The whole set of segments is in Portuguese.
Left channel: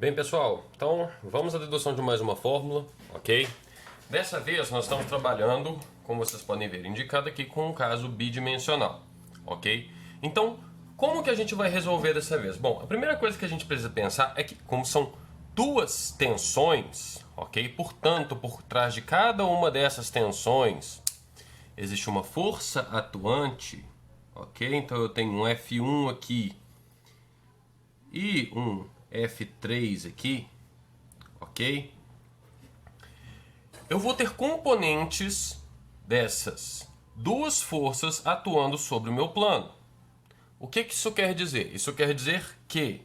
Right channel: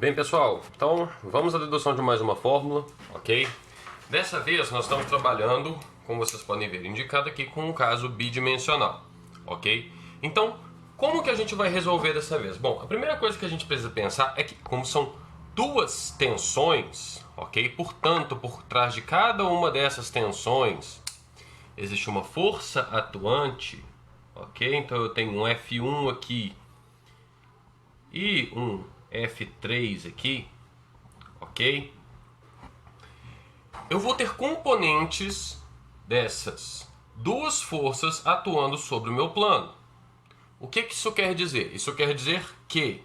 Bem, pessoal, então vamos à dedução de mais uma fórmula, ok? Dessa vez nós estamos trabalhando, como vocês podem ver, indicado aqui com um caso bidimensional, ok? Então, como que a gente vai resolver dessa vez? Bom, a primeira coisa que a gente precisa pensar é que, como são duas tensões, ok? Portanto, por trás de cada uma dessas tensões existe uma força atuante, ok? Então eu tenho um F1 aqui e um F3 aqui, ok? Eu vou ter componentes dessas duas forças atuando sobre o meu plano. O que isso quer dizer? Isso quer dizer que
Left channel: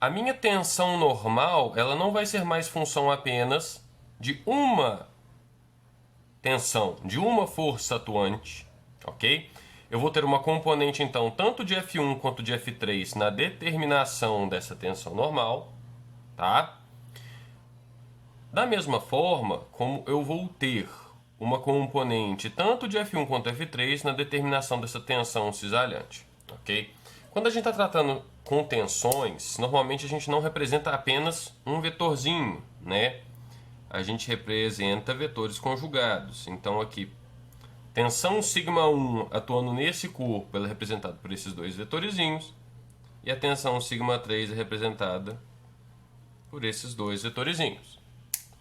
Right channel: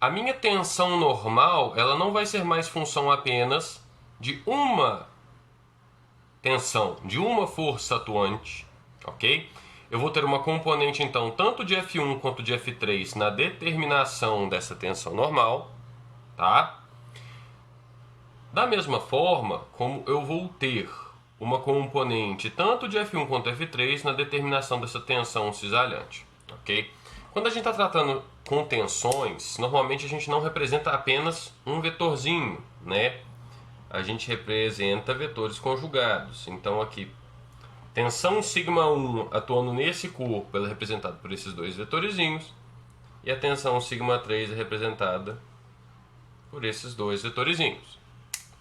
a minha tensão normal ela não vai ser mais função apenas de uma tensão, de uma força atuante, ok? Eu vou ter uma componente, então, tanto de F1 quanto de F3 na determinação dessa tensão normal, tá? Da mesma forma como eu vou ter uma componente tanto de F1 quanto F3 na determinação dessa tensão cisalhante, ok? Quando a gente está tratando com tensões, normalmente a gente não representa apenas um vetorzinho, né? A gente representa vetores conjugados. Então aqui, tensão σ1 atuando nesse corpo, ela é representada por esses dois vetorizinhos. E a tensão σ3 é representada por esses dois vetorizinhos.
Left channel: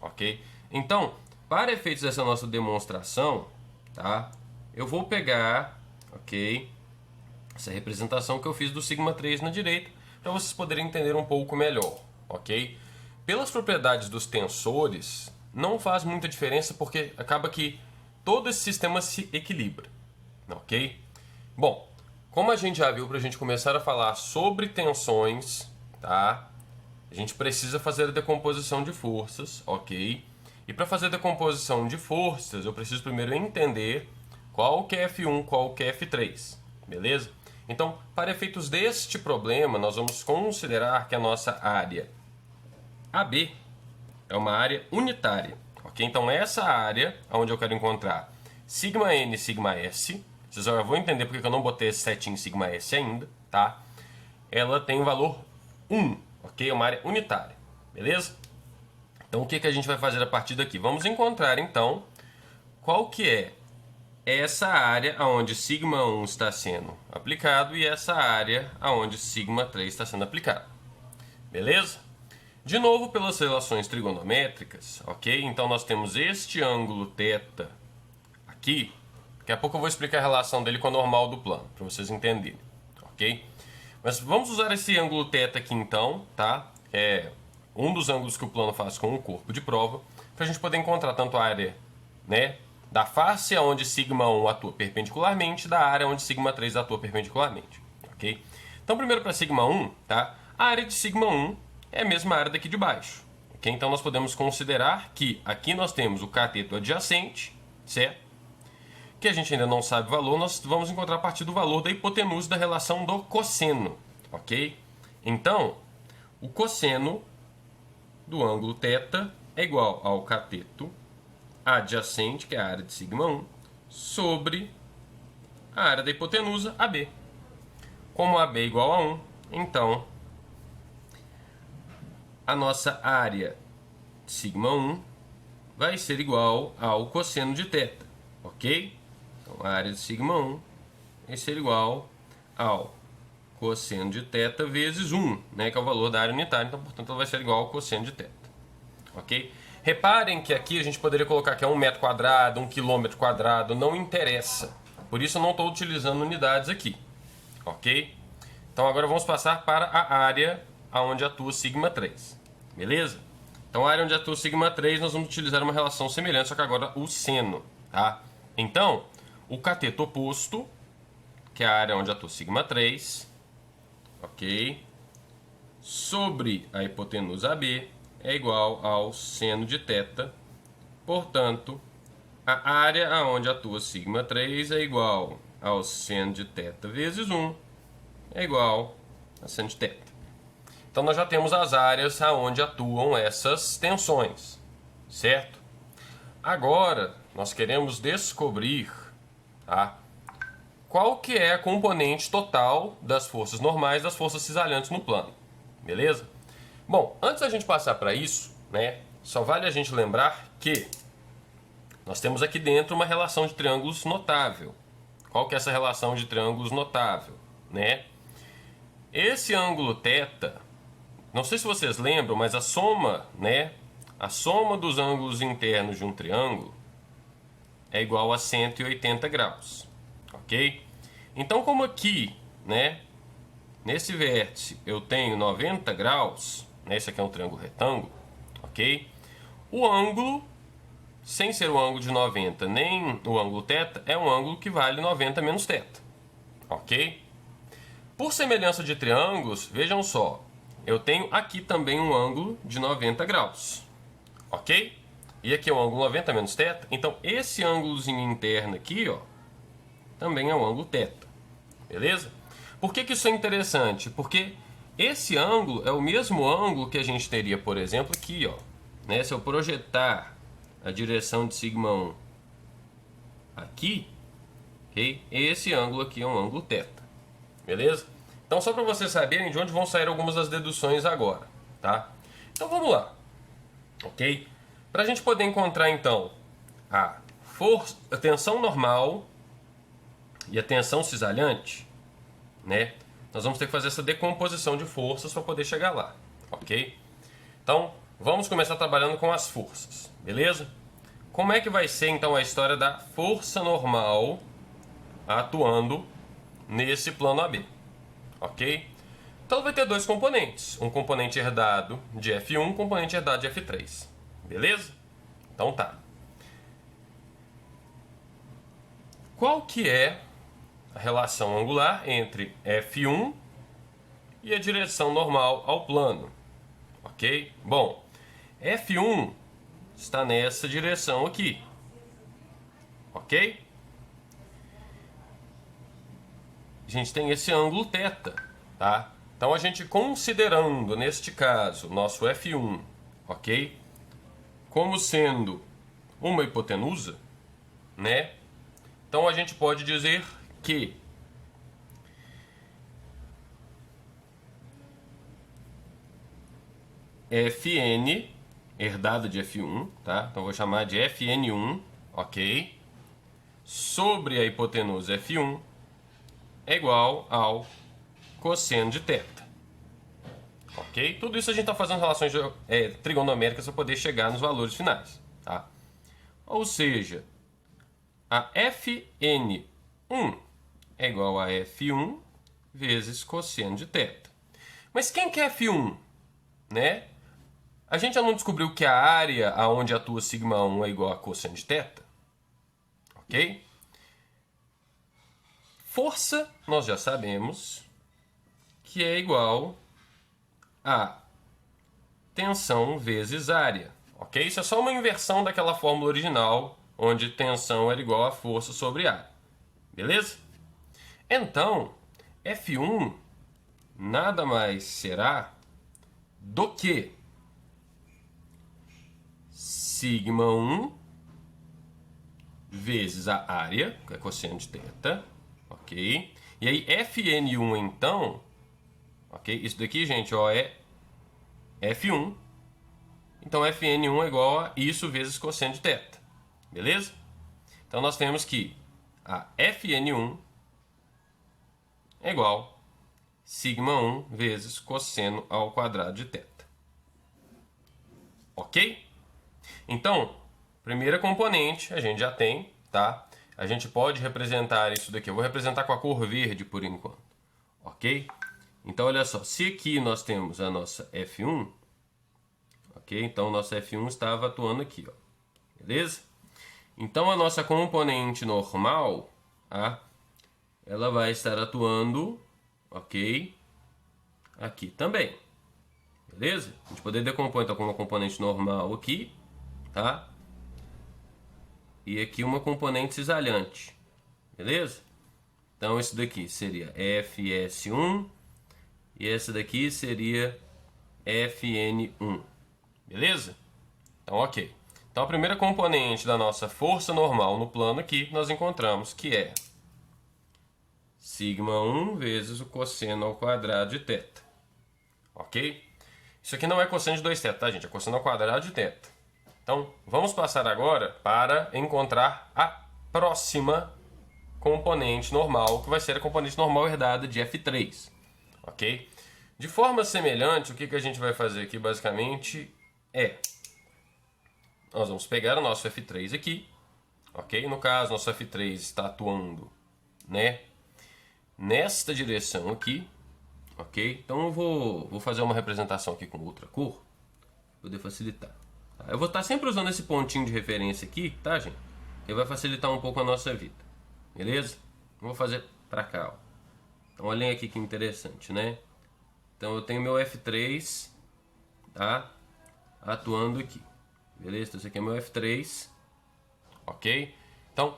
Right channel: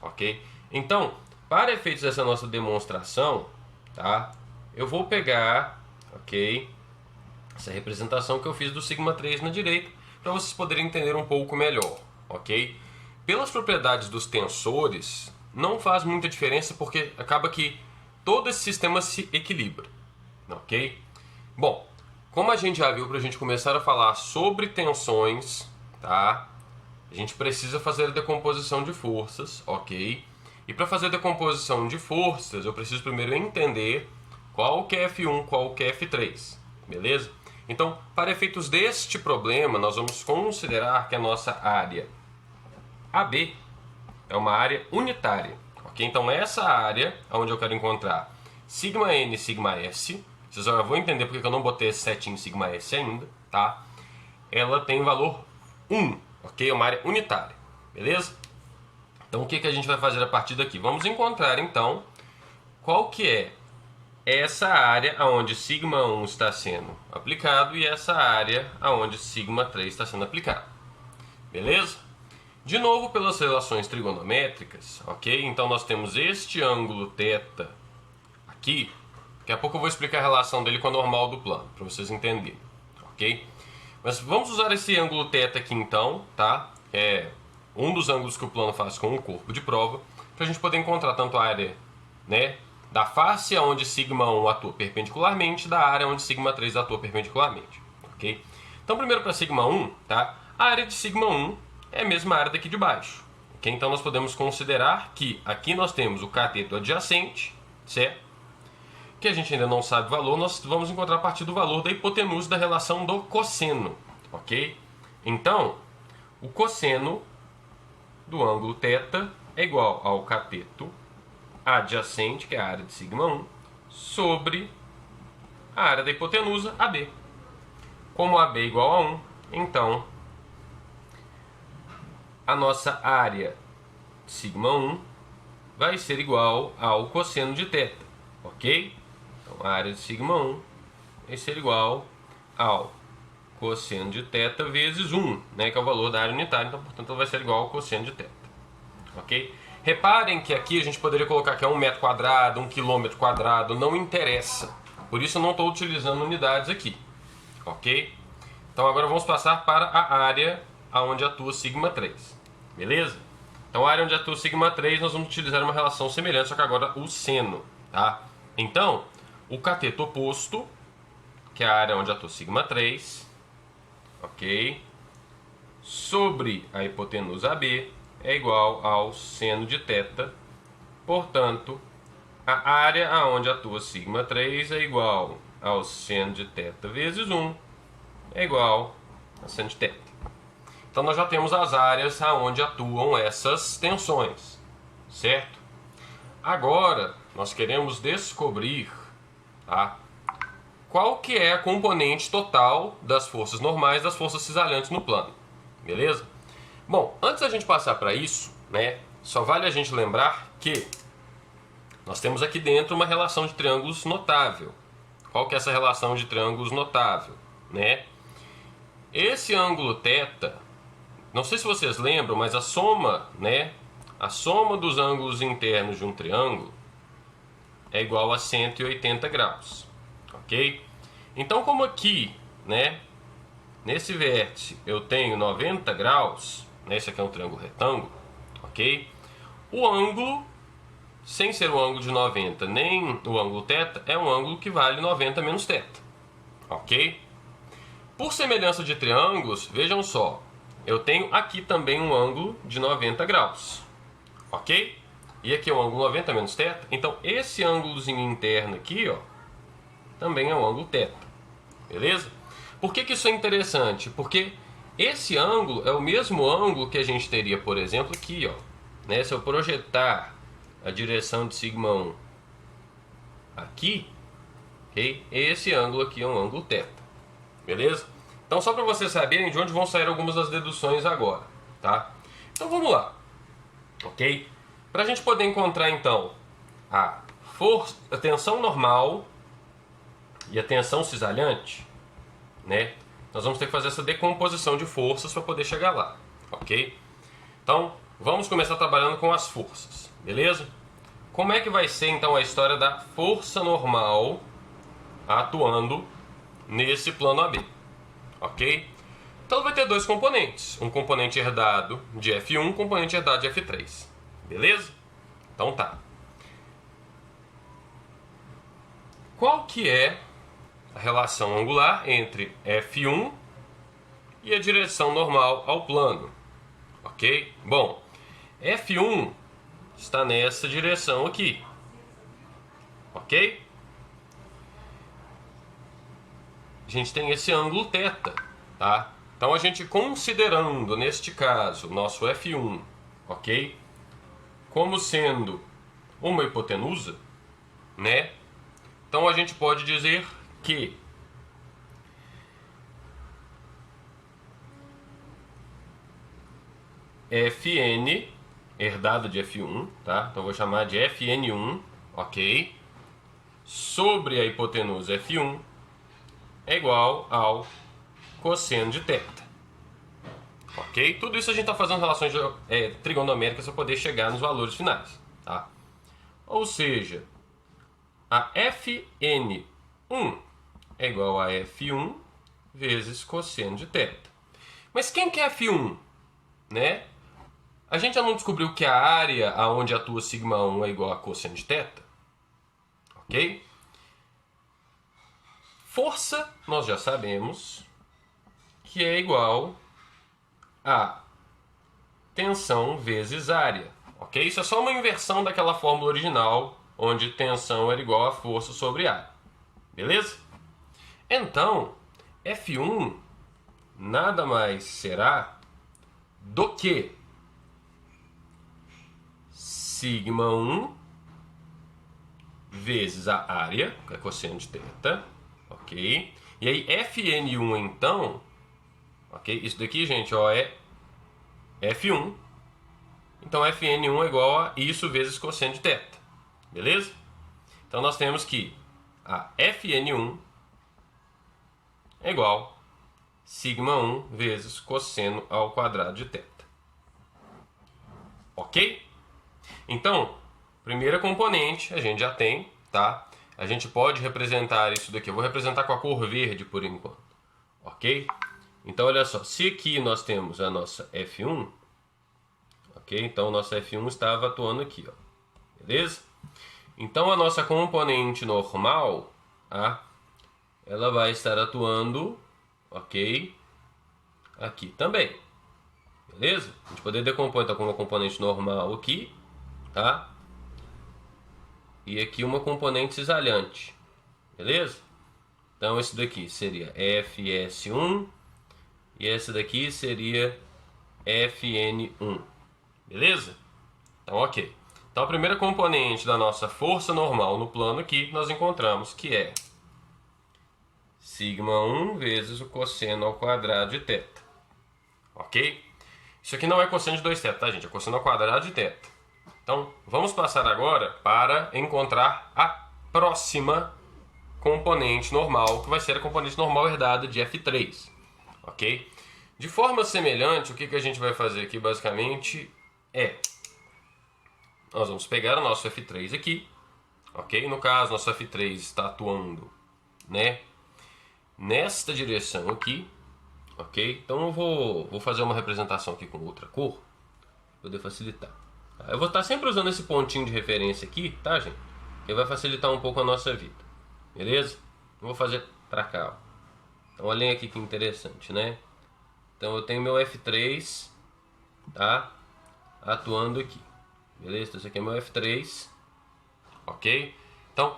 Ok? Então, para efeitos dessa nossa demonstração, tá? Eu vou pegar, ok? Essa representação que eu fiz do σ3 na direita, para vocês poderem entender um pouco melhor, ok? Pelas propriedades dos tensores, não faz muita diferença porque acaba que todo esse sistema se equilibra, ok? Bom, como a gente já viu, para a gente começar a falar sobre tensões, tá? A gente precisa fazer a decomposição de forças, ok? E para fazer a decomposição de forças, eu preciso primeiro entender qual que é F1, qual que é F3, beleza? Então, para efeitos deste problema, nós vamos considerar que a nossa área AB é uma área unitária, ok? Então, essa área, onde eu quero encontrar σn e σs, vocês já vão entender porque eu não botei esse setinho σs ainda, tá? Ela tem valor 1, ok? É uma área unitária, beleza? Então, o que a gente vai fazer a partir daqui? Vamos encontrar, então, qual que é essa área onde σ1 está sendo aplicado e essa área onde σ3 está sendo aplicado, beleza? De novo, pelas relações trigonométricas, ok? Então, nós temos este ângulo θ aqui. Daqui a pouco eu vou explicar a relação dele com a normal do plano, para vocês entenderem, ok? Mas vamos usar esse ângulo θ aqui, então, tá? É um dos ângulos que o plano faz com o corpo de prova, para a gente poder encontrar tanto a área, né, da face onde σ1 atua perpendicularmente, da área onde σ3 atua perpendicularmente, ok? Então, primeiro para σ1, tá? A área de σ1 é a mesma área daqui de baixo, ok? Então, nós podemos considerar que aqui nós temos o cateto adjacente, certo? Que a gente ainda não sabe o valor, nós vamos encontrar a partir do valor da hipotenusa da relação do cosseno, ok? Então, o cosseno do ângulo θ é igual ao cateto adjacente, que é a área de σ1, sobre a área da hipotenusa AB. Como AB é igual a 1, então a nossa área σ1 vai ser igual ao cosseno de θ, ok? Então a área de σ1 vai ser igual ao cosseno de θ vezes 1, né, que é o valor da área unitária, então, portanto, ela vai ser igual ao cosseno de θ. Ok? Reparem que aqui a gente poderia colocar que é 1 metro quadrado, 1 quilômetro quadrado, não interessa. Por isso eu não estou utilizando unidades aqui. Ok? Então agora vamos passar para a área onde atua σ3. Beleza? Então a área onde atua σ3 nós vamos utilizar uma relação semelhante, só que agora o seno. Tá? Então, o cateto oposto, que é a área onde atua σ3, ok? Sobre a hipotenusa AB é igual ao seno de θ. Portanto, a área onde atua σ3 é igual ao seno de θ vezes 1 é igual a seno de θ. Então, nós já temos as áreas onde atuam essas tensões, certo? Agora, nós queremos descobrir, tá, qual que é a componente total das forças normais das forças cisalhantes no plano, beleza? Bom, antes da gente passar para isso, né, só vale a gente lembrar que nós temos aqui dentro uma relação de triângulos notável. Qual que é essa relação de triângulos notável, né? Esse ângulo θ, não sei se vocês lembram, mas a soma, né, a soma dos ângulos internos de um triângulo é igual a 180 graus, ok? Então, como aqui, né, nesse vértice eu tenho 90 graus, né, esse aqui é um triângulo retângulo, ok? O ângulo, sem ser o ângulo de 90 nem o ângulo θ, é um ângulo que vale 90 menos θ, ok? Por semelhança de triângulos, vejam só, eu tenho aqui também um ângulo de 90 graus, ok? E aqui é um ângulo 90 menos θ, então esse ângulozinho interno aqui, ó, também é um ângulo θ, beleza? Por que isso é interessante? Porque esse ângulo é o mesmo ângulo que a gente teria, por exemplo, aqui, ó, né? Se eu projetar a direção de σ1 aqui, okay? Esse ângulo aqui é um ângulo θ, beleza? Então, só para vocês saberem de onde vão sair algumas das deduções agora, tá? Então, vamos lá, ok? Para a gente poder encontrar, então, a tensão normal e a tensão cisalhante, né? Nós vamos ter que fazer essa decomposição de forças para poder chegar lá, ok? Então, vamos começar trabalhando com as forças, beleza? Como é que vai ser, então, a história da força normal atuando nesse plano AB, ok? Então, ela vai ter dois componentes. Um componente herdado de F1, um componente herdado de F3, beleza? Então, tá. Qual que é a relação angular entre F1 e a direção normal ao plano, ok? Bom, F1 está nessa direção aqui, ok? A gente tem esse ângulo θ, tá? Então a gente considerando, neste caso, nosso F1, ok? Como sendo uma hipotenusa, né? Então a gente pode dizer que Fn, herdada de F1, tá? Então eu vou chamar de Fn1, ok? Sobre a hipotenusa F1 é igual ao cosseno de θ, ok? Tudo isso a gente está fazendo relações trigonomêtricas para poder chegar nos valores finais, tá? Ou seja, a Fn1 é igual a F1 vezes cosseno de θ. Mas quem que é F1? Né? A gente já não descobriu que a área aonde atua σ1 é igual a cosseno de θ? Ok? Força, nós já sabemos que é igual a tensão vezes área. Ok? Isso é só uma inversão daquela fórmula original, onde tensão era igual a força sobre área. Beleza? Então, F1 nada mais será do que σ1 vezes a área, que é cosseno de θ, ok? E aí Fn1 então, ok? Isso daqui, gente, ó, é F1. Então Fn1 é igual a isso vezes cosseno de θ, beleza? Então nós temos que a Fn1 é igual a σ1 vezes cosseno ao quadrado de θ. Ok? Então, primeira componente a gente já tem, tá? A gente pode representar isso daqui. Eu vou representar com a cor verde por enquanto. Ok? Então, olha só. Se aqui nós temos a nossa F1, ok? Então, a nossa F1 estava atuando aqui, ó. Beleza? Então, a nossa componente normal, tá? Ela vai estar atuando, ok? Aqui também. Beleza? A gente poder decompor então com uma componente normal aqui, tá? E aqui uma componente cisalhante. Beleza? Então esse daqui seria Fs1 e essa daqui seria Fn1. Beleza? Então ok. Então a primeira componente da nossa força normal no plano aqui nós encontramos que é σ1 vezes o cosseno ao quadrado de θ. Ok? Isso aqui não é cosseno de 2θ, tá, gente? É cosseno ao quadrado de θ. Então, vamos passar agora para encontrar a próxima componente normal, que vai ser a componente normal herdada de f3, ok? De forma semelhante, o que a gente vai fazer aqui, basicamente, nós vamos pegar o nosso f3 aqui, ok? No caso, nosso f3 está atuando, né, nesta direção aqui, ok? Então eu vou fazer uma representação aqui com outra cor, para poder facilitar. Eu vou estar sempre usando esse pontinho de referência aqui, tá, gente? Que vai facilitar um pouco a nossa vida, beleza? Eu vou fazer para cá, ó. Então olhem aqui que interessante, né? Então eu tenho meu f3, tá, atuando aqui, beleza? Então esse aqui é meu f3, ok? Então,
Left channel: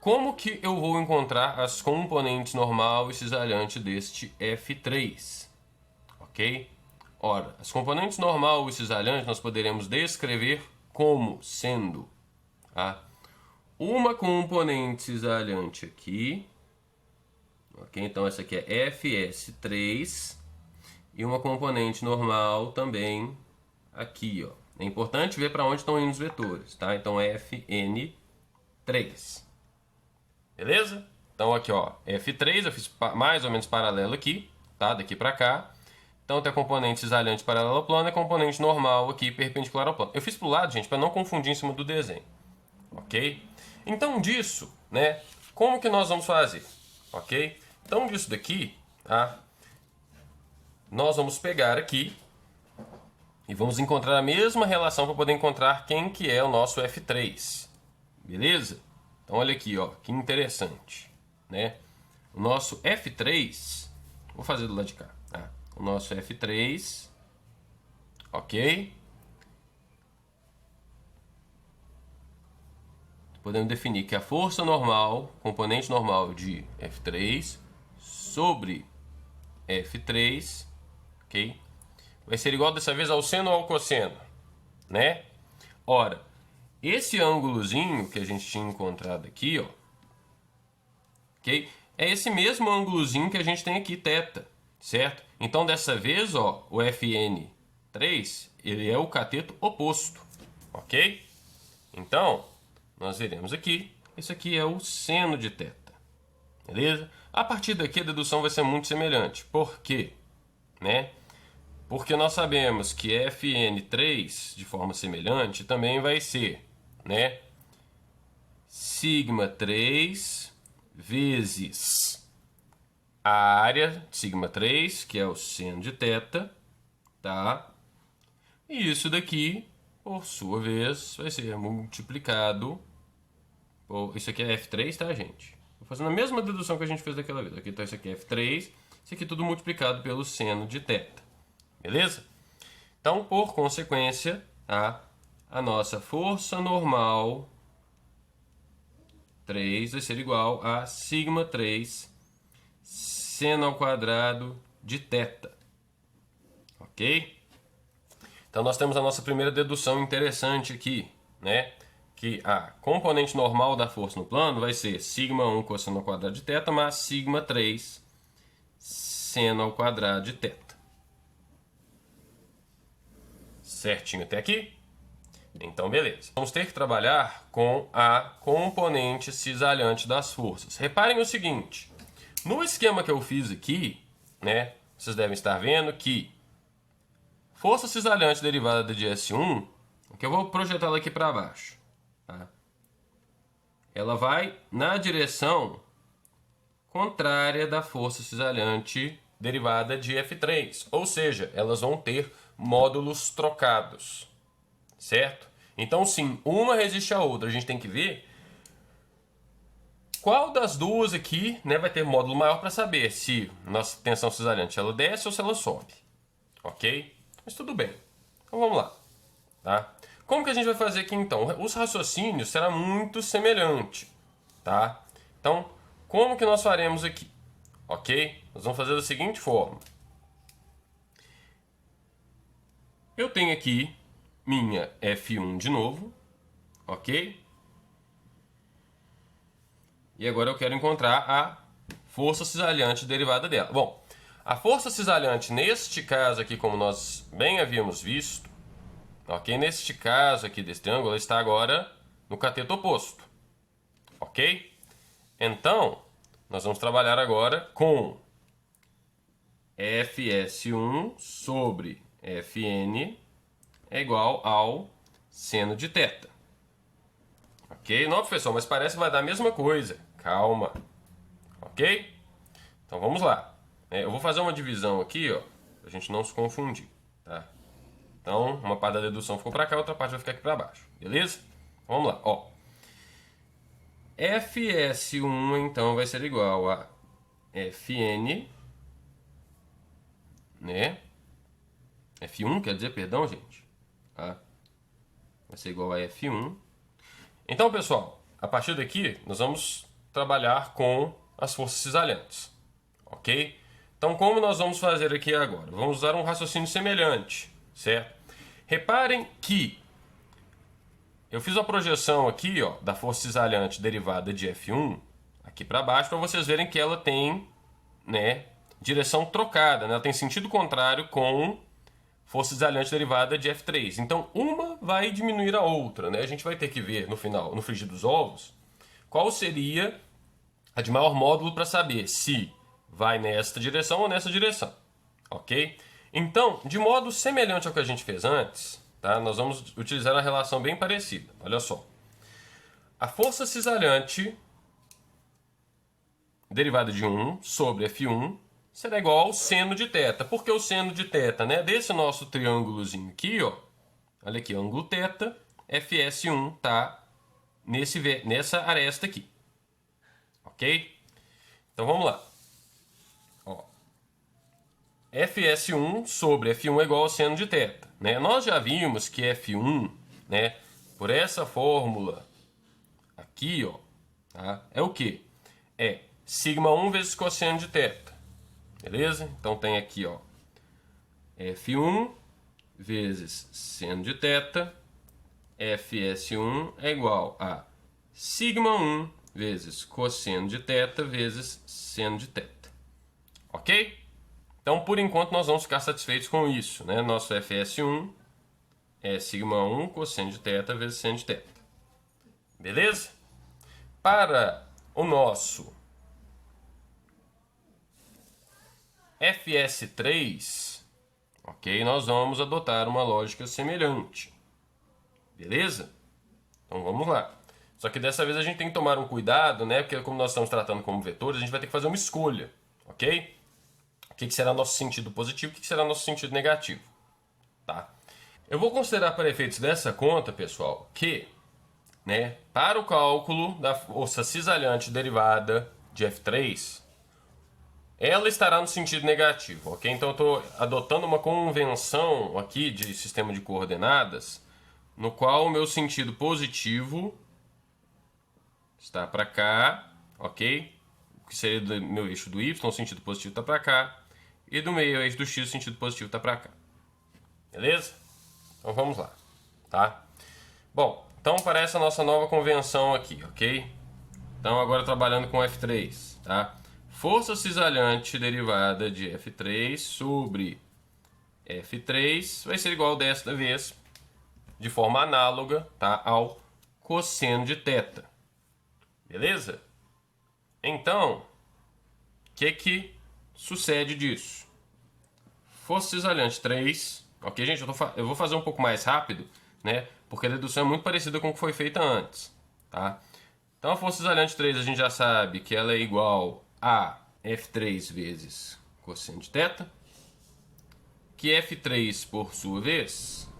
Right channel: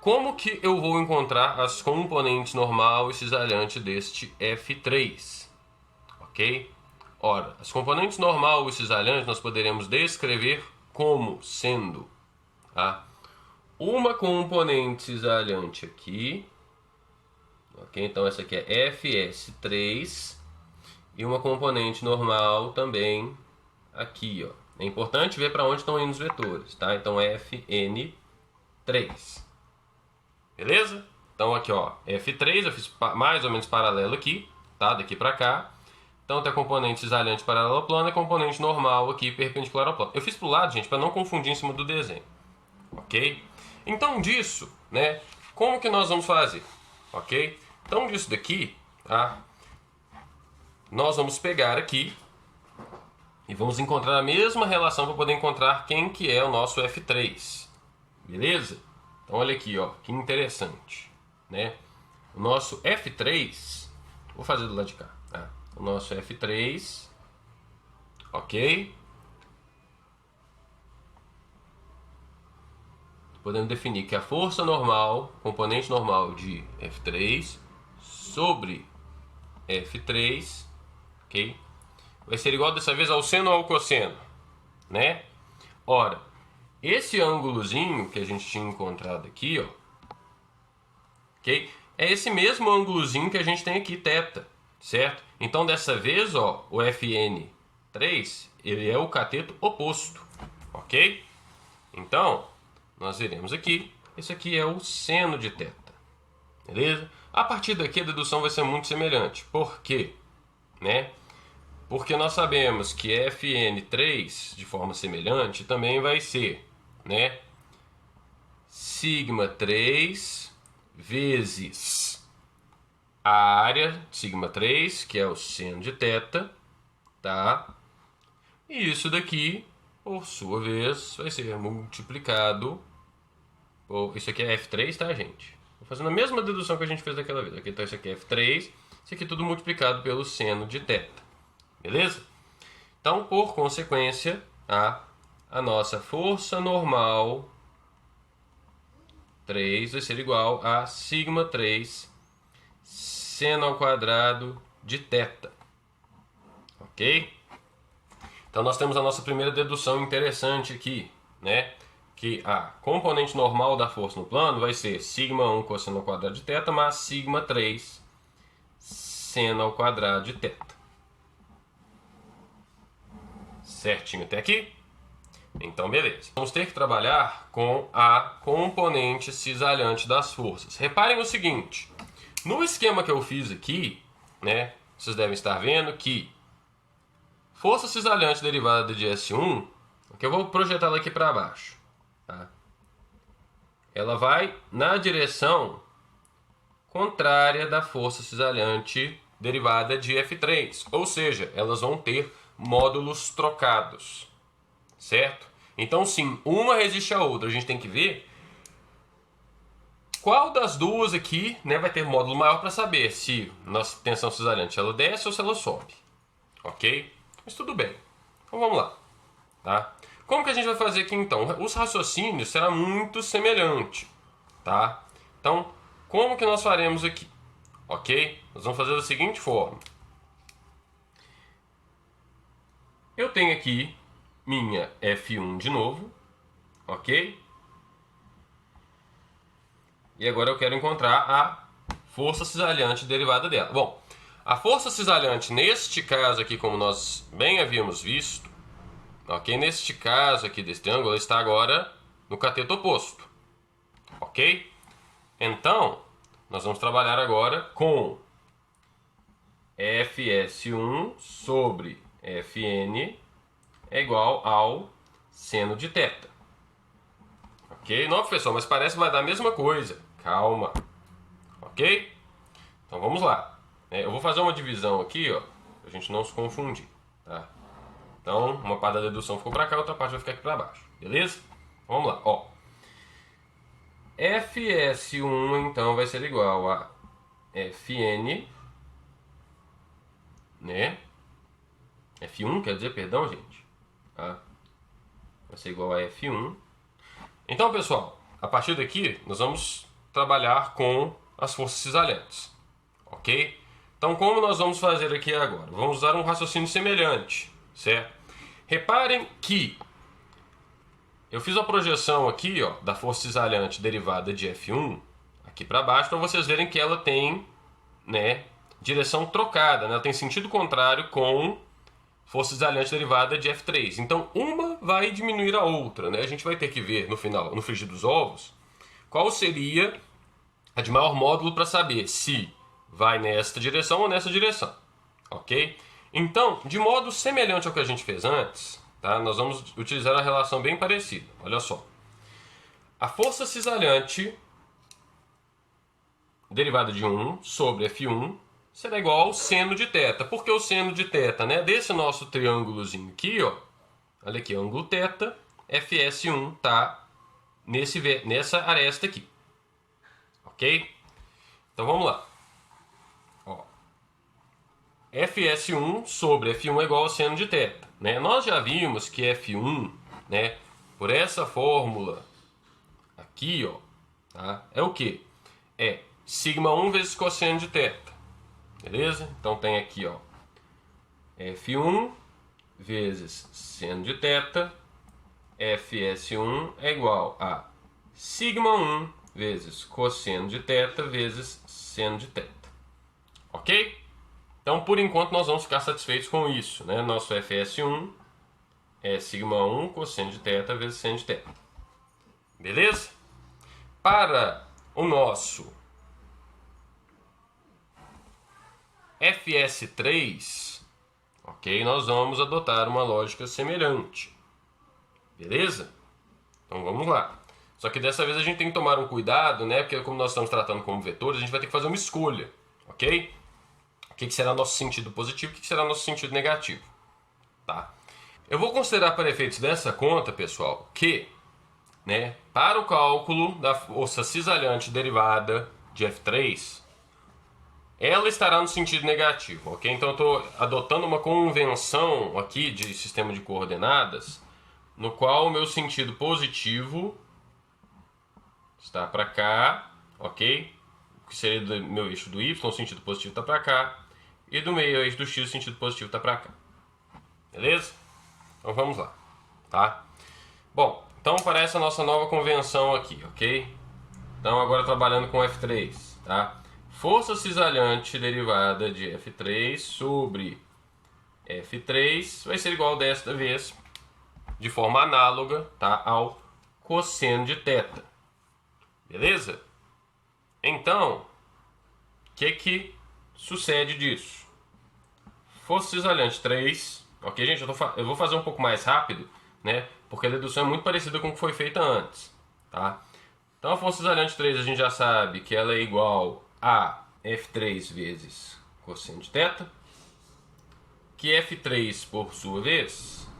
como que eu vou encontrar as componentes normal e cisalhante deste f3, ok? Ora, as componentes normal e cisalhante nós poderemos descrever como sendo, tá, uma componente cisalhante aqui, ok? Então essa aqui é fs3 e uma componente normal também aqui, ó. É importante ver para onde estão indo os vetores, tá? Então fn3, beleza? Então aqui, ó, f3 eu fiz mais ou menos paralelo aqui, tá? Daqui para cá. Então tem a componente cisalhante paralela ao plano e a componente normal aqui perpendicular ao plano. Eu fiz para o lado, gente, para não confundir em cima do desenho, ok? Então disso, né, como que nós vamos fazer, ok? Então disso daqui, tá, nós vamos pegar aqui e vamos encontrar a mesma relação para poder encontrar quem que é o nosso f3, beleza? Então olha aqui, ó, que interessante, né? O nosso f3, vou fazer do lado de cá, tá? O nosso f3, ok? Podemos definir que a força normal, componente normal de f3 sobre f3, ok? Vai ser igual dessa vez ao seno ou ao cosseno, né? Ora, esse ângulozinho que a gente tinha encontrado aqui, ó, ok? É esse mesmo ângulozinho que a gente tem aqui, θ, certo? Então dessa vez, ó, o fn3, ele é o cateto oposto, ok? Então, nós veremos aqui, isso aqui é o seno de θ, beleza? A partir daqui a dedução vai ser muito semelhante. Por quê? Né? Porque nós sabemos que fn3, de forma semelhante, também vai ser, né, sigma 3 vezes a área de sigma 3, que é o seno de θ, tá? E isso daqui, por sua vez, vai ser multiplicado por... Isso aqui é f3, tá, gente? Vou fazendo a mesma dedução que a gente fez daquela vez. Aqui, então, isso aqui é f3, isso aqui tudo multiplicado pelo seno de θ. Beleza? Então, por consequência, a nossa força normal 3 vai ser igual a sigma 3 seno ao quadrado de θ. Ok? Então, nós temos a nossa primeira dedução interessante aqui, né? Que a componente normal da força no plano vai ser sigma 1 cosseno ao quadrado de θ mais sigma 3 seno ao quadrado de θ. Certinho até aqui? Então, beleza. Vamos ter que trabalhar com a componente cisalhante das forças. Reparem o seguinte. No esquema que eu fiz aqui, né, vocês devem estar vendo que força cisalhante derivada de S1, que eu vou projetar ela aqui para baixo, tá? Ela vai na direção contrária da força cisalhante derivada de F3. Ou seja, elas vão ter módulos trocados, certo? Então, sim, uma resiste à outra. A gente tem que ver qual das duas aqui, né, vai ter módulo maior para saber se nossa tensão cisalhante ela desce ou se ela sobe, ok? Mas tudo bem. Então vamos lá, tá? Como que a gente vai fazer aqui então? Os raciocínios serão muito semelhantes, tá? Então, como que nós faremos aqui? Ok? Nós vamos fazer da seguinte forma. Eu tenho aqui minha F1 de novo, ok? E agora eu quero encontrar a força cisalhante derivada dela. Bom, A força cisalhante, neste caso aqui, como nós bem havíamos visto, ok? Neste caso aqui desse triângulo, ela está agora no cateto oposto, ok? Então, nós vamos trabalhar agora com Fs1 sobre Fn é igual ao seno de θ. Ok? Não, professor, mas parece que vai dar a mesma coisa. Calma. Ok? Então vamos lá. Eu vou fazer uma divisão aqui, ó, pra gente não se confundir, tá? Então, uma parte da dedução ficou para cá, outra parte vai ficar aqui para baixo. Beleza? Vamos lá, ó. Fs1 então vai ser igual a Fn, né? F1 quer dizer, perdão, gente. Tá? Vai ser igual a F1. Então, pessoal, a partir daqui nós vamos trabalhar com as forças cisalhantes, ok? Então, como nós vamos fazer aqui agora? Vamos usar um raciocínio semelhante, certo? Reparem que eu fiz a projeção aqui, ó, da força cisalhante derivada de F1 aqui para baixo, para vocês verem que ela tem, né, direção trocada, né? Ela tem sentido contrário com força cisalhante derivada de F3. Então, uma vai diminuir a outra, né? A gente vai ter que ver no final, no frigir dos ovos, qual seria a de maior módulo para saber se vai nesta direção ou nessa direção, ok? Então, de modo semelhante ao que a gente fez antes, tá? Nós vamos utilizar uma relação bem parecida. Olha só. A força cisalhante derivada de 1 sobre F1 será igual ao seno de θ. Por que o seno de θ, né? Desse nosso triângulozinho aqui, ó. Olha aqui, ângulo θ, Fs1 tá nessa aresta aqui. Ok? Então vamos lá. Ó. Fs1 sobre F1 é igual ao seno de θ. Né? Nós já vimos que F1, né, por essa fórmula aqui, ó, tá? É o quê? É sigma 1 vezes cosseno de θ. Beleza? Então tem aqui, ó, F1 vezes seno de θ, Fs1 é igual a sigma 1 vezes cosseno de θ vezes seno de θ. Ok? Então, por enquanto, nós vamos ficar satisfeitos com isso, né? Nosso Fs1 é sigma 1 cosseno de θ vezes seno de θ. Beleza? Para o nosso Fs3, ok? Nós vamos adotar uma lógica semelhante. Beleza? Então vamos lá. Só que dessa vez a gente tem que tomar um cuidado, né? Porque como nós estamos tratando como vetores, a gente vai ter que fazer uma escolha, ok? O que será nosso sentido positivo, o que será nosso sentido negativo, tá? Eu vou considerar para efeitos dessa conta, pessoal, que, né, para o cálculo da força cisalhante derivada de F3, ela estará no sentido negativo, ok? Então eu estou adotando uma convenção aqui de sistema de coordenadas, no qual o meu sentido positivo está para cá, ok? O que seria do meu eixo do Y, o sentido positivo está para cá. E do meio eixo do X, o sentido positivo está para cá. Beleza? Então vamos lá, tá? Bom, então aparece a nossa nova convenção aqui, ok? Então agora trabalhando com F3, tá? Força cisalhante derivada de F3 sobre F3 vai ser igual desta vez, de forma análoga, tá, ao cosseno de θ. Beleza? Então, o que sucede disso? Força cisalhante 3, ok, gente? Eu vou fazer um pouco mais rápido, né? Porque a dedução é muito parecida com o que foi feita antes, tá? Então, a força cisalhante 3 a gente já sabe que ela é igual a F3 vezes cosseno de θ, que F3, por sua vez,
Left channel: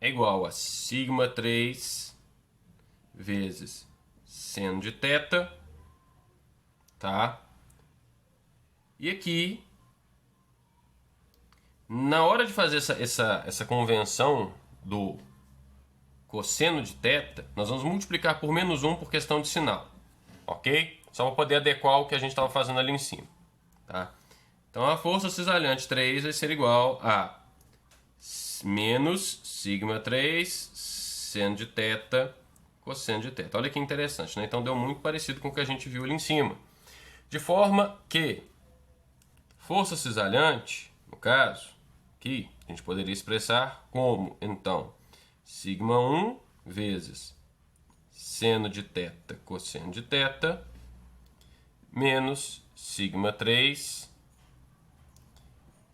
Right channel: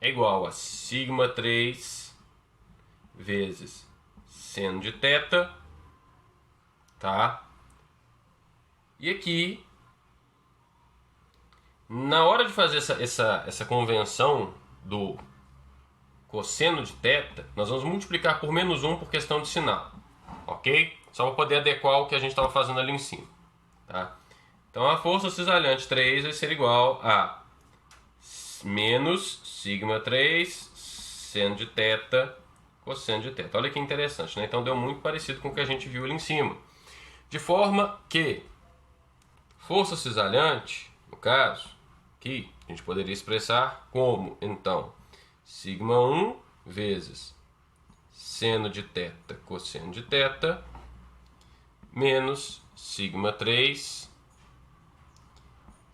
é igual a sigma 3 vezes seno de θ, tá? E aqui, na hora de fazer essa convenção do cosseno de θ, nós vamos multiplicar por menos 1 por questão de sinal, ok? Só para poder adequar o que a gente estava fazendo ali em cima, tá? Então a força cisalhante 3 vai ser igual a menos sigma 3 seno de θ cosseno de θ. Olha que interessante, né? Então deu muito parecido com o que a gente viu ali em cima. De forma que força cisalhante, no caso, aqui, a gente poderia expressar como, então, sigma 1 vezes seno de θ cosseno de θ menos sigma 3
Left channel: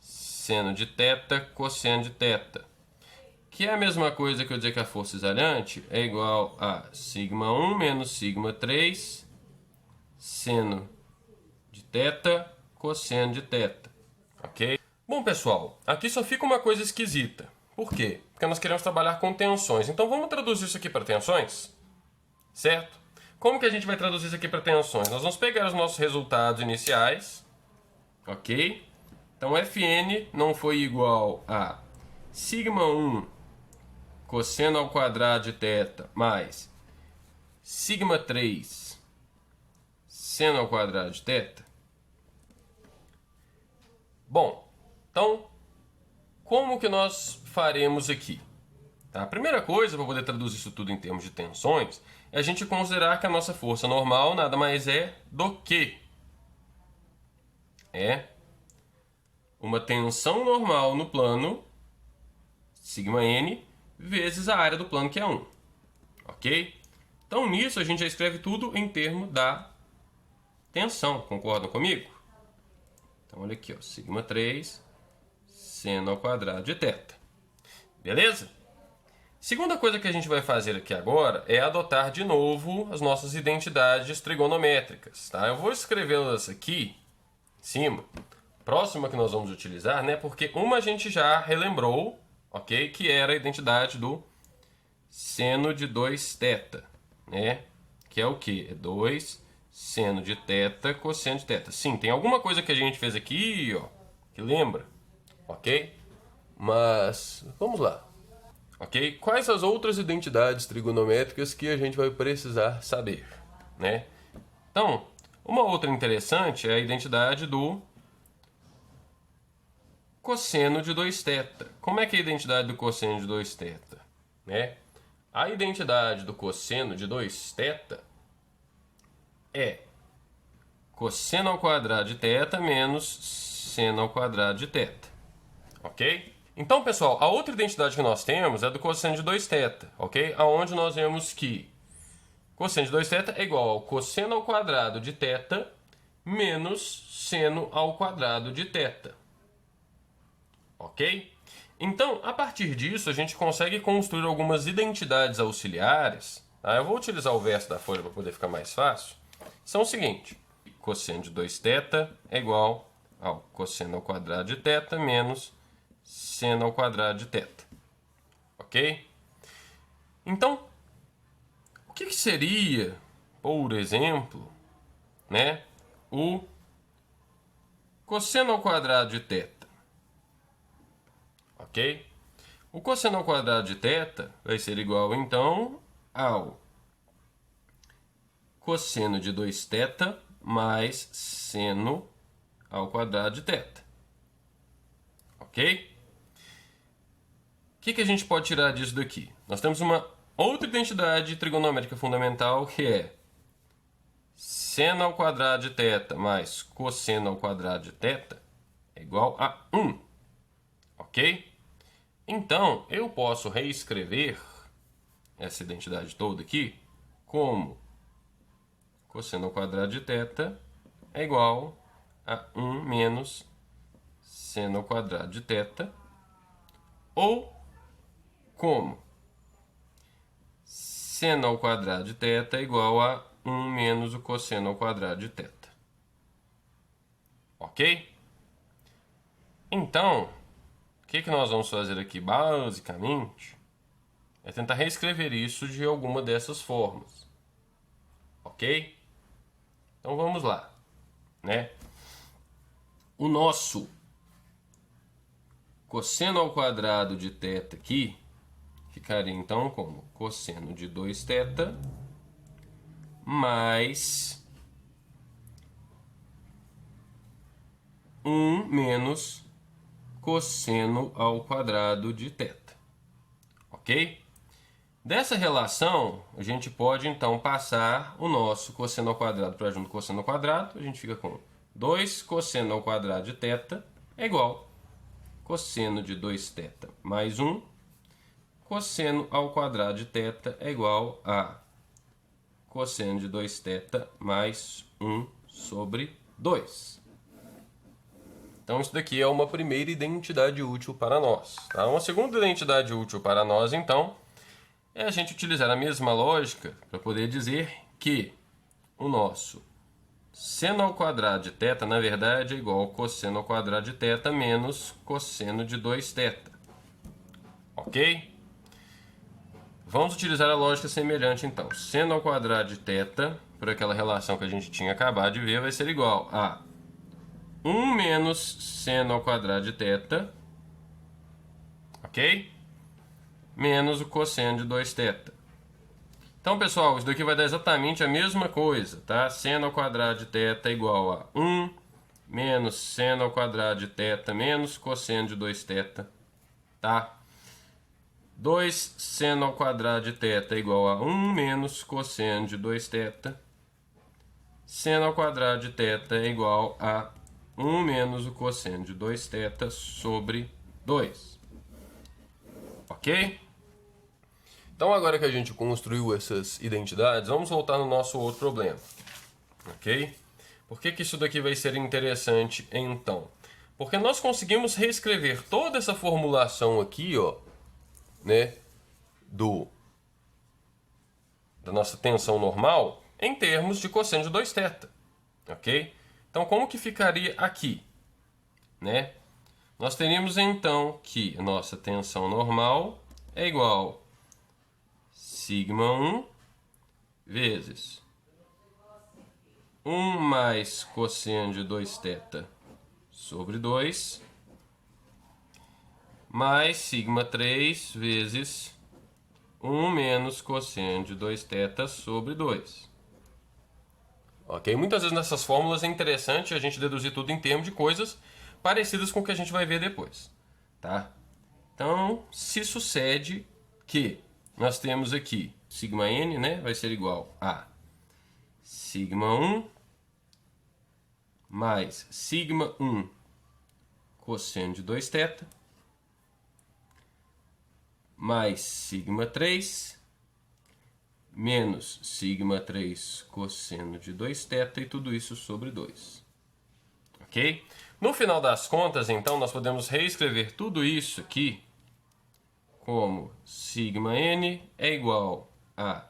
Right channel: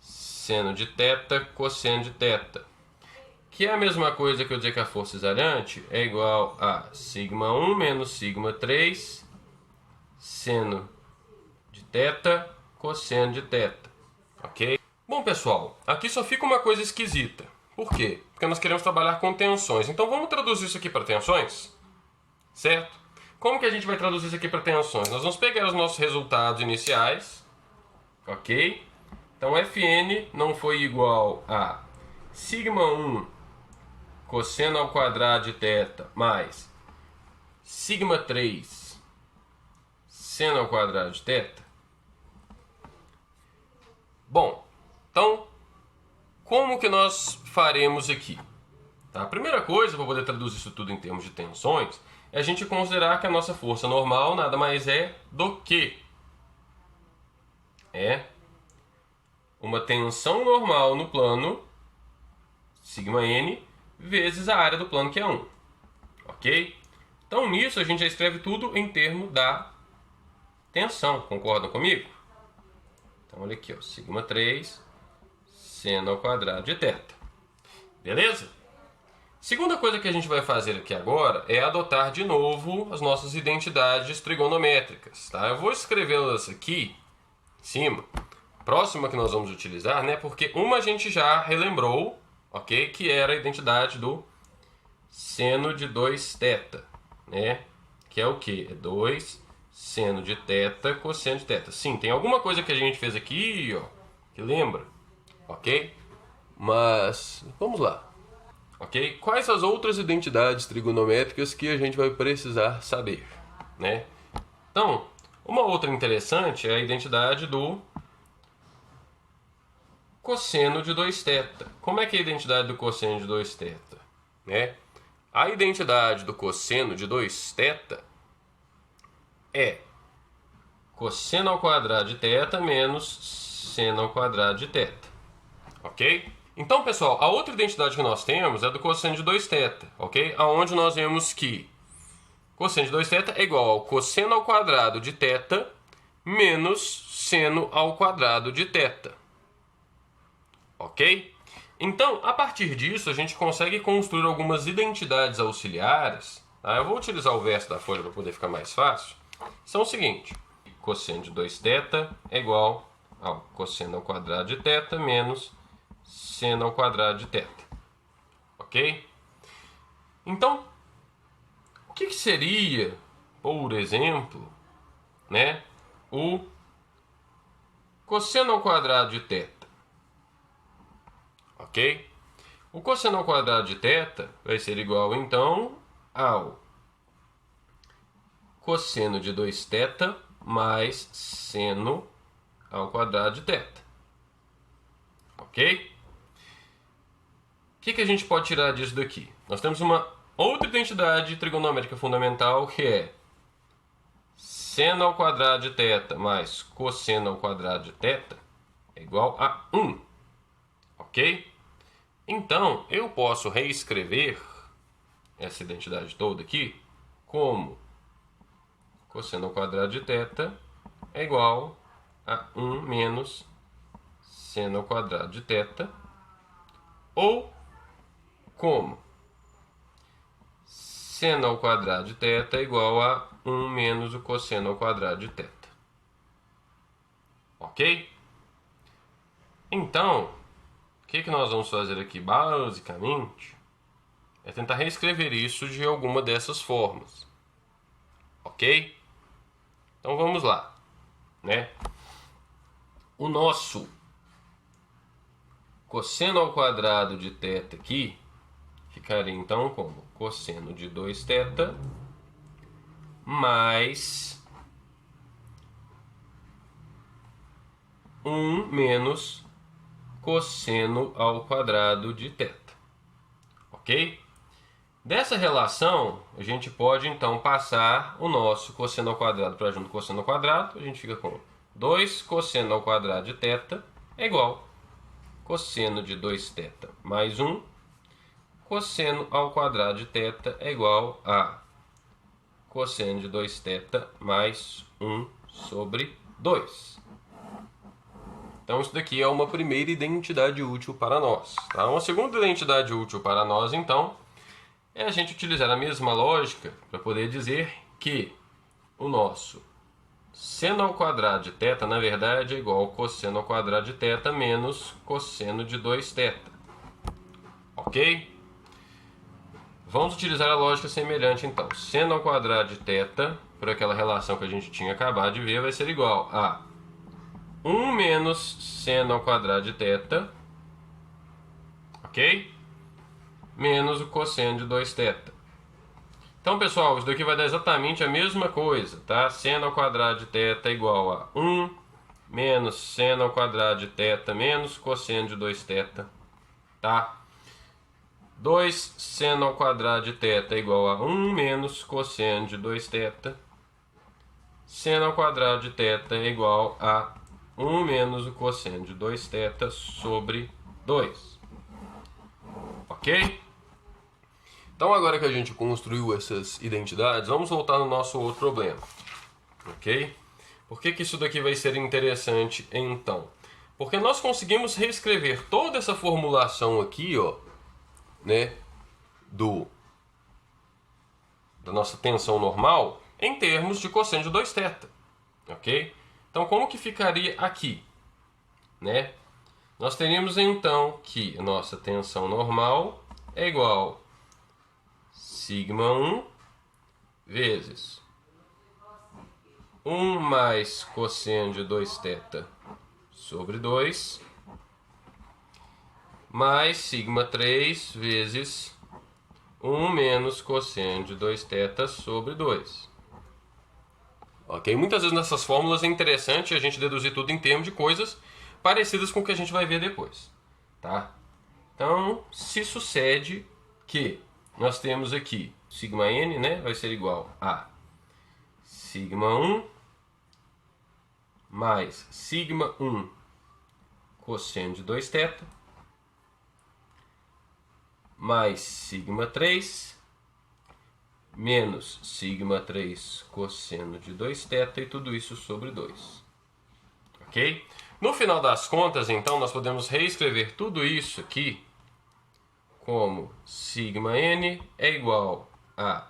seno de θ cosseno de θ, que é a mesma coisa que eu dizer que a força cisalhante é igual a sigma 1 menos sigma 3 seno de θ cosseno de θ, ok? Bom, pessoal, aqui só fica uma coisa esquisita. Por quê? Porque nós queremos trabalhar com tensões. Então vamos traduzir isso aqui para tensões? Certo? Como que a gente vai traduzir isso aqui para tensões? Nós vamos pegar os nossos resultados iniciais, ok? Então Fn não foi igual a sigma 1 cosseno ao quadrado de θ mais sigma 3 seno ao quadrado de θ. Bom, então, como que nós faremos aqui? Tá? A primeira coisa, para poder traduzir isso tudo em termos de tensões, é a gente considerar que a nossa força normal nada mais é do que uma tensão normal no plano, sigma n, vezes a área do plano, que é 1. Ok? Então, nisso, a gente já escreve tudo em termos da tensão. Concordam comigo? Então, olha aqui, ó, sigma 3 seno ao quadrado de θ. Beleza? Segunda coisa que a gente vai fazer aqui agora é adotar de novo as nossas identidades trigonométricas. Tá? Eu vou escrevê-las aqui em cima. Próxima que nós vamos utilizar, né? Porque uma a gente já relembrou, ok? Que era a identidade do seno de 2θ, né? Que é o quê? É 2 seno de θ cosseno de θ. Sim, tem alguma coisa que a gente fez aqui, ó, que lembra, ok? Mas vamos lá. Ok? Quais as outras identidades trigonométricas que a gente vai precisar saber, né? Então, uma outra interessante é a identidade do cosseno de 2θ. Como é que é a identidade do cosseno de 2θ? Né? A identidade do cosseno de 2θ é cosseno ao quadrado de θ menos seno ao quadrado de θ. Ok? Então, pessoal, a outra identidade que nós temos é do cosseno de 2θ, ok? Aonde nós vemos que cosseno de 2θ é igual ao cosseno ao quadrado de θ menos seno ao quadrado de θ, ok? Então, a partir disso, a gente consegue construir algumas identidades auxiliares. Tá? Eu vou utilizar o verso da folha para poder ficar mais fácil. São o seguinte: cosseno de 2θ é igual ao cosseno ao quadrado de θ menos seno ao quadrado de θ. Ok? Então, o que seria, por exemplo, né, o cosseno ao quadrado de θ? Ok? O cosseno ao quadrado de θ vai ser igual, então, ao cosseno de 2θ mais seno ao quadrado de θ. Ok? O que a gente pode tirar disso daqui? Nós temos uma outra identidade trigonométrica fundamental, que é seno ao quadrado de θ mais cosseno ao quadrado de θ é igual a 1. Ok? Então, eu posso reescrever essa identidade toda aqui como cosseno ao quadrado de θ é igual a 1 menos seno ao quadrado de θ, ou como seno ao quadrado de θ é igual a 1 menos o cosseno ao quadrado de θ. Ok? Então, o que nós vamos fazer aqui basicamente é tentar reescrever isso de alguma dessas formas. Ok? Então vamos lá, né? O nosso cosseno ao quadrado de θ aqui ficaria então como cosseno de 2θ mais 1 menos cosseno ao quadrado de θ. Ok? Dessa relação, a gente pode então passar o nosso cosseno ao quadrado para junto com cosseno ao quadrado. A gente fica com 2 cosseno ao quadrado de θ é igual a cosseno de 2θ mais 1. Cosseno ao quadrado de θ é igual a cosseno de 2θ mais 1 sobre 2. Então, isso daqui é uma primeira identidade útil para nós. Tá? Uma segunda identidade útil para nós, então, é a gente utilizar a mesma lógica para poder dizer que o nosso seno ao quadrado de θ, na verdade, é igual a cosseno ao quadrado de θ menos cosseno de 2θ. Ok? Vamos utilizar a lógica semelhante, então. Seno ao quadrado de θ, por aquela relação que a gente tinha acabado de ver, vai ser igual a 1 menos seno ao quadrado de θ, ok? Menos o cosseno de 2θ. Então, pessoal, isso daqui vai dar exatamente a mesma coisa, tá? Seno ao quadrado de θ é igual a 1 menos seno ao quadrado de θ menos cosseno de 2θ, tá? 2 seno ao quadrado de θ é igual a 1 menos cosseno de 2θ. Seno ao quadrado de θ é igual a 1 menos o cosseno de 2θ sobre 2. Ok? Então, agora que a gente construiu essas identidades, vamos voltar no nosso outro problema. Ok? Por que isso daqui vai ser interessante, então? Porque nós conseguimos reescrever toda essa formulação aqui, ó, né, da nossa tensão normal em termos de cosseno de 2θ, ok? Então, como que ficaria aqui, né? Nós teríamos então que a nossa tensão normal é igual a σ1 vezes 1 mais cosseno de 2θ sobre 2 mais σ3 vezes 1 menos cosseno de 2θ sobre 2. Ok? Muitas vezes nessas fórmulas é interessante a gente deduzir tudo em termos de coisas parecidas com o que a gente vai ver depois. Tá? Então, se sucede que nós temos aqui σn, né, vai ser igual a σ1 mais σ1 cosseno de 2θ mais σ3 menos σ3 cosseno de 2θ e tudo isso sobre 2. Ok? No final das contas, então, nós podemos reescrever tudo isso aqui como σn é igual a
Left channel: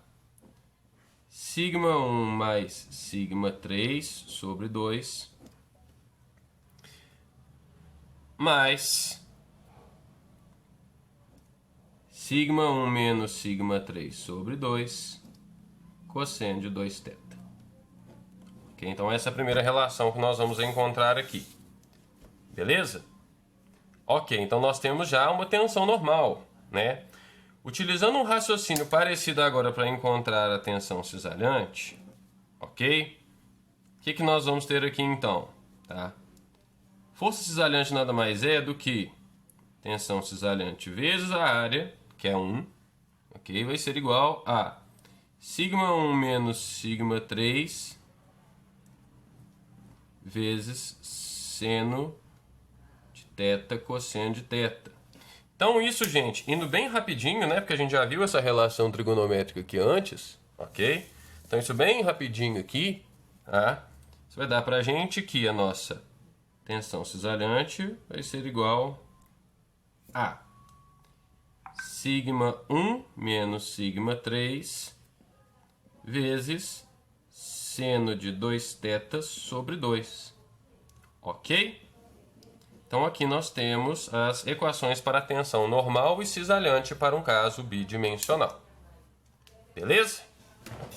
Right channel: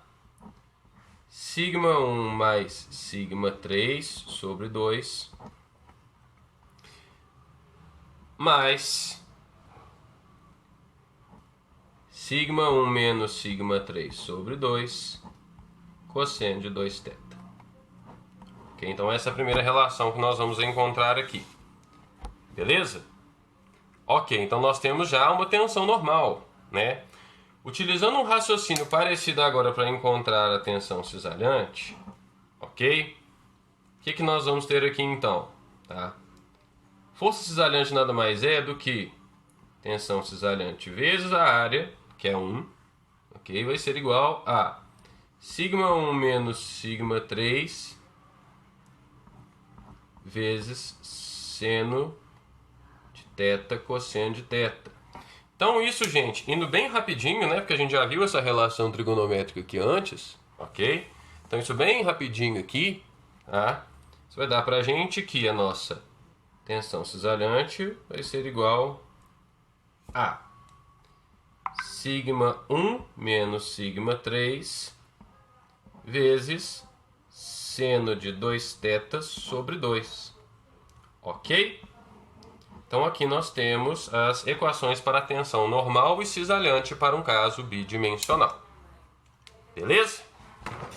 σ1 mais σ3 sobre 2 mais σ1 menos σ3 sobre 2 cosseno de 2θ. Okay, então essa é a primeira relação que nós vamos encontrar aqui. Beleza? Ok, então nós temos já uma tensão normal, né? Utilizando um raciocínio parecido agora para encontrar a tensão cisalhante, ok? O que nós vamos ter aqui então? Tá? Força cisalhante nada mais é do que tensão cisalhante vezes a área, que é 1, ok? Vai ser igual a σ1 menos σ3 vezes seno de θ cosseno de θ. Então isso, gente, indo bem rapidinho, né? Porque a gente já viu essa relação trigonométrica aqui antes, ok? Então isso bem rapidinho aqui, tá? Isso vai dar pra gente que a nossa tensão cisalhante vai ser igual a σ1 menos σ3 vezes seno de 2θ sobre 2. Ok? Então aqui nós temos as equações para a tensão normal e cisalhante para um caso bidimensional. Beleza?